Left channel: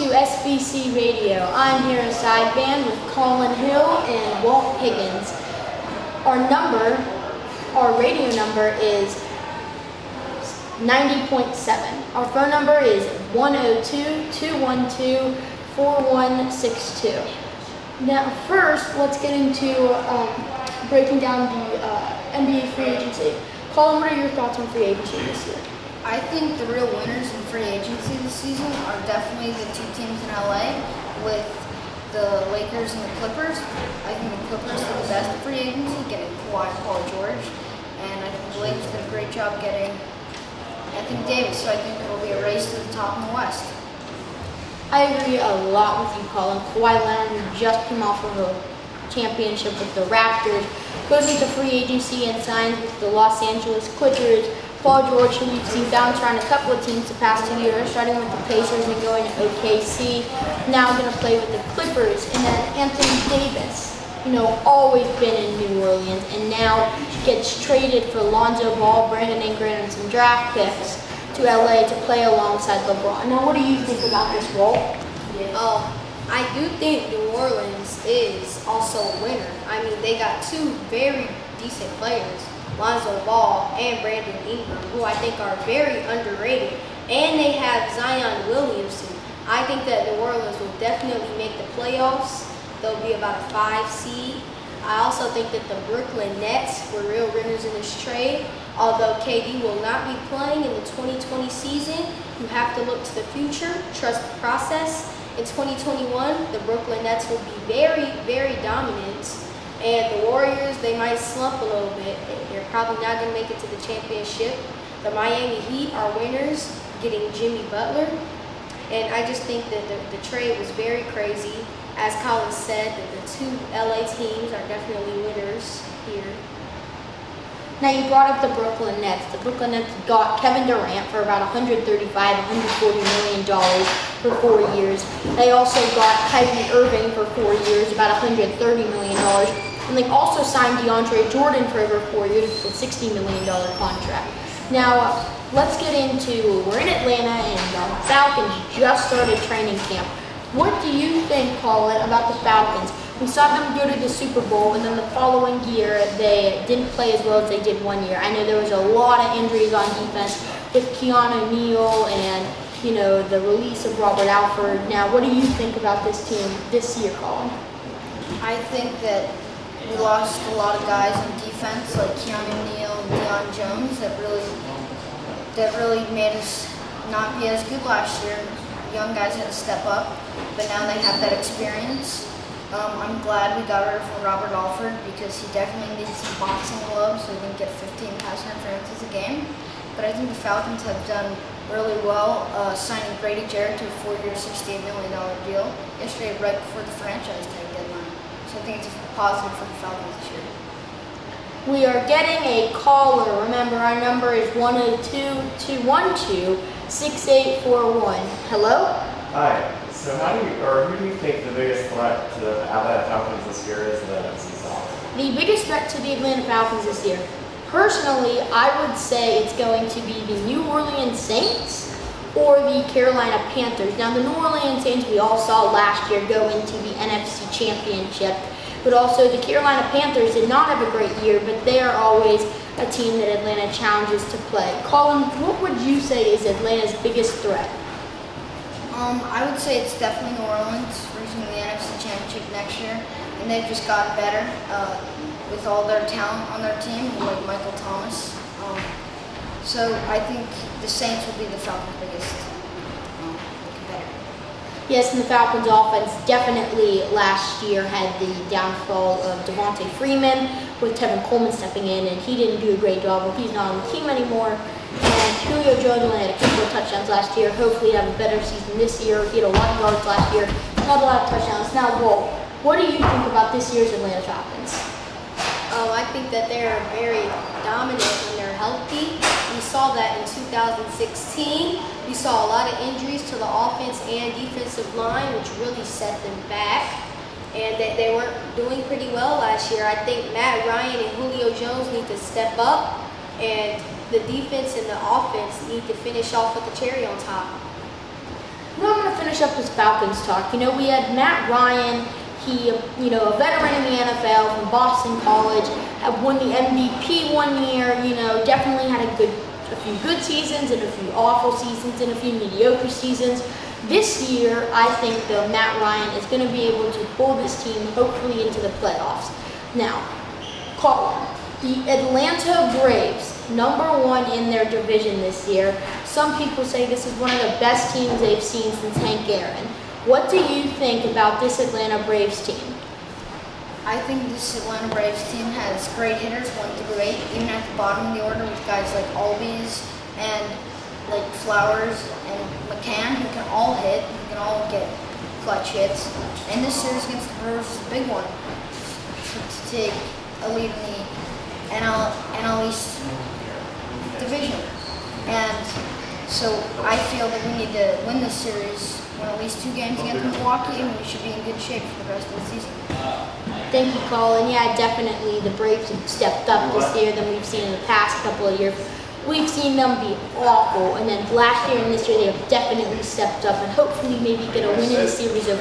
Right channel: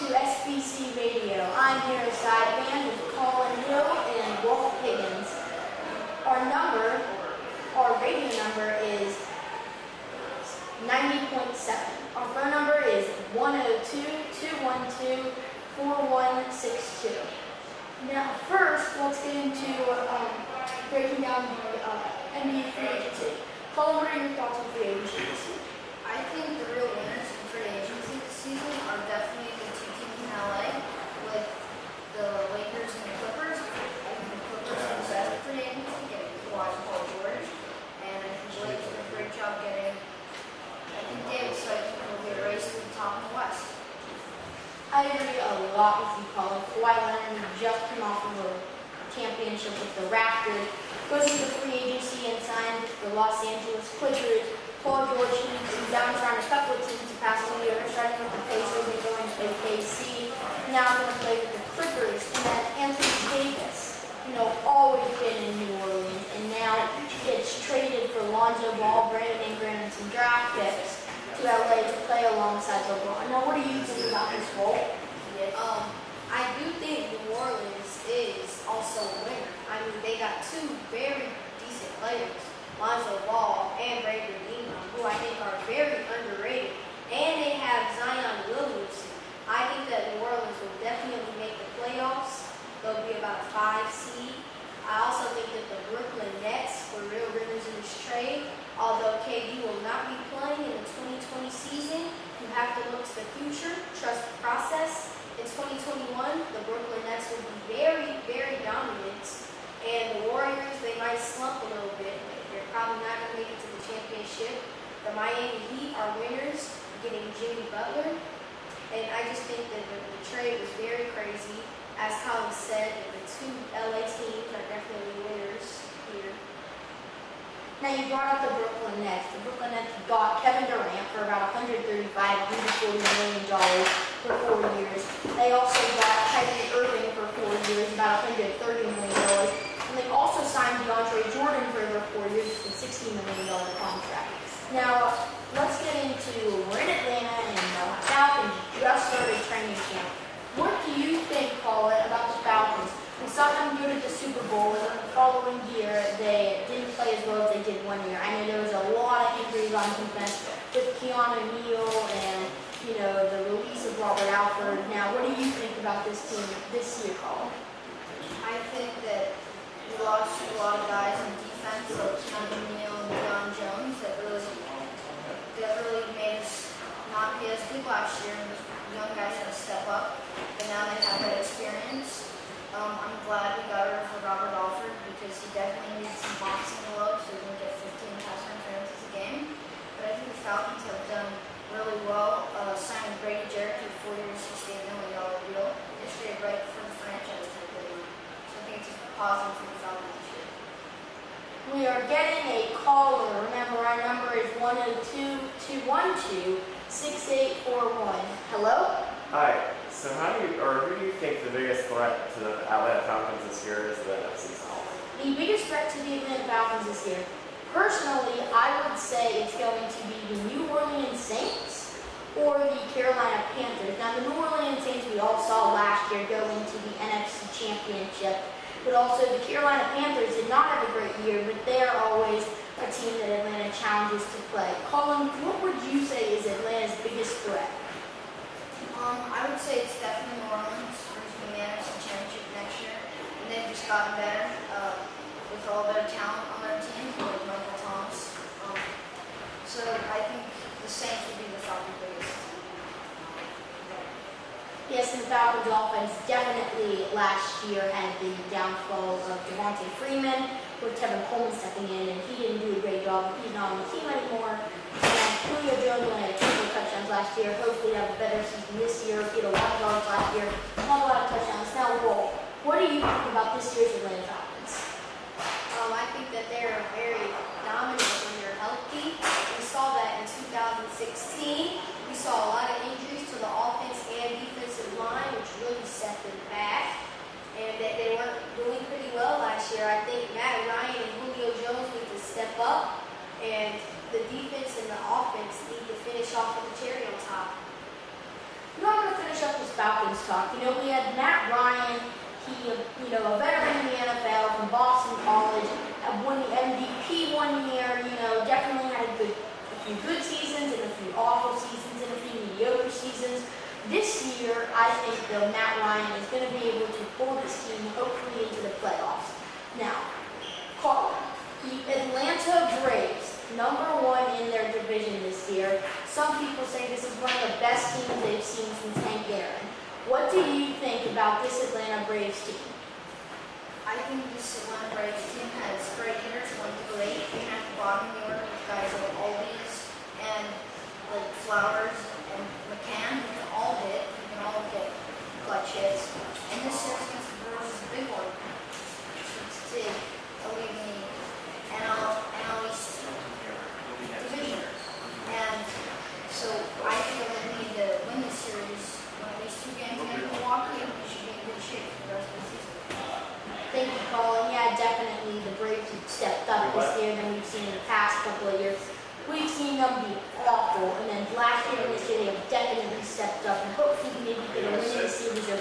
to SBC Radio. I'm here in sideband with Colin Hill and Walt Higgins. Our radio number is 90.7. Our phone number is 102-212-4162. Now first, let's get into breaking down the NBA free agency. Colin, what are your thoughts on free agency this year? I think the real winners in free agency this season are definitely the two teams in LA with the Lakers and the Clippers. I think the Clippers did the best free agency, getting Kawhi, Paul George, and I think the Lakers did a great job getting Anthony Davis, so I think it will be a race to the top in the West. I agree a lot with you, Colin. Kawhi Leonard, who just came off of a championship with the Raptors, goes into free agency and signs with the Los Angeles Clippers. Paul George, who we've seen bounce around a couple of teams the past 2 years, starting with the Pacers and going to OKC, now going to play with the Clippers. And then Anthony Davis, always been in New Orleans, and now gets traded for Lonzo Ball, Brandon Ingram, and some draft picks to LA to play alongside LeBron. Now, what do you think about this, Walt? I do think New Orleans is also a winner. I mean, they got two very decent players, Lonzo Ball and Brandon Ingram, who I think are very underrated. And they have Zion Williamson. I think that New Orleans will definitely make the playoffs. They'll be about a 5 seed. I also think that the Brooklyn Nets were real winners in this trade. Although KD will not be playing in the 2020 season, you have to look to the future, trust the process. In 2021, the Brooklyn Nets will be very, very dominant. And the Warriors, they might slump a little bit. They're probably not going to make it to the championship. The Miami Heat are winners, getting Jimmy Butler. And I just think that the trade was very crazy. As Colin said, that the two LA teams are definitely winners here. Now, you brought up the Brooklyn Nets. The Brooklyn Nets got Kevin Durant for about $135, $140 million for 4 years. They also got Kyrie Irving for 4 years, about $130 million. And they also signed DeAndre Jordan for over 4 years with a $60 million contract. Now, let's get into, we're in Atlanta and the Falcons just started training camp. What do you think, Colin, about the Falcons? We saw them go to the Super Bowl, and then the following year they didn't play as well as they did 1 year. I know there was a lot of injuries on defense with Keanu Neal and the release of Robert Alford. Now, what do you think about this team this year, Colin? I think that we lost a lot of guys on defense like Keanu Neal and Deion Jones that really made us not be as good last year. Young guys had to step up, but now they have that experience. I'm glad we got rid of Robert Alford because he definitely needs some boxing gloves so he can get 15 pass interferences a game. But I think the Falcons have done really well signing Grady Jarrett to a 4-year, $68 million deal yesterday right before the franchise tag deadline. So I think it's positive for the Falcons this year. We are getting a caller. Remember, our number is 102-212-6841. Hello? Hi. So who do you think the biggest threat to the Atlanta Falcons this year is in the NFC South? The biggest threat to the Atlanta Falcons this year, personally, I would say it's going to be the New Orleans Saints or the Carolina Panthers. Now, the New Orleans Saints we all saw last year go into the NFC Championship, but also the Carolina Panthers did not have a great year, but they are always a team that Atlanta challenges to play. Colin, what would you say is Atlanta's biggest threat? I would say it's definitely New Orleans reaching the NFC Championship next year, and they've just got better with all their talent on their team, like Michael Thomas. So I think the Saints will be the Falcons' biggest competitor. Yes, and the Falcons' offense definitely last year had the downfall of Devontae Freeman with Tevin Coleman stepping in, and he didn't do a great job. Well, he's not on the team anymore. And Julio Jones only had a couple of touchdowns last year. Hopefully he'll have a better season this year. He had a lot of yards last year. Not a lot of touchdowns. Now, Walt, what do you think about this year's Atlanta Falcons? I think that they are very dominant when they're healthy. We saw that in 2016. We saw a lot of injuries to the offense and defensive line, which really set them back. And they weren't doing pretty well last year. I think Matt Ryan and Julio Jones need to step up, and the defense and the offense need to finish off with the cherry on top. Now I'm going to finish up this Falcons talk. You know, we had Matt Ryan. He, you know, a veteran in the NFL from Boston College, had won the MVP one year. You know, definitely had a few good seasons and a few awful seasons and a few mediocre seasons. This year, I think though Matt Ryan is going to be able to pull this team hopefully into the playoffs. Now, Colin, the Atlanta Braves, #1 in their division this year. Some people say this is one of the best teams they've seen since Hank Aaron. What do you think about this Atlanta Braves team? I think this Atlanta Braves team has great hitters, 1 through 8, even at the bottom of the order with guys like Albies and like Flowers and McCann, who can all hit, who can all get clutch hits. And this series against the Brewers is a big one to take a lead in the NL East division. And so I feel that we need to win this series, win at least 2 games against Milwaukee, and we should be in good shape for the rest of the season. Thank you, Colin. Yeah, definitely the Braves have stepped up this year than we've seen in the past couple of years. We've seen them be awful, and then last year and this year they have definitely stepped up and hopefully maybe get a win in the series over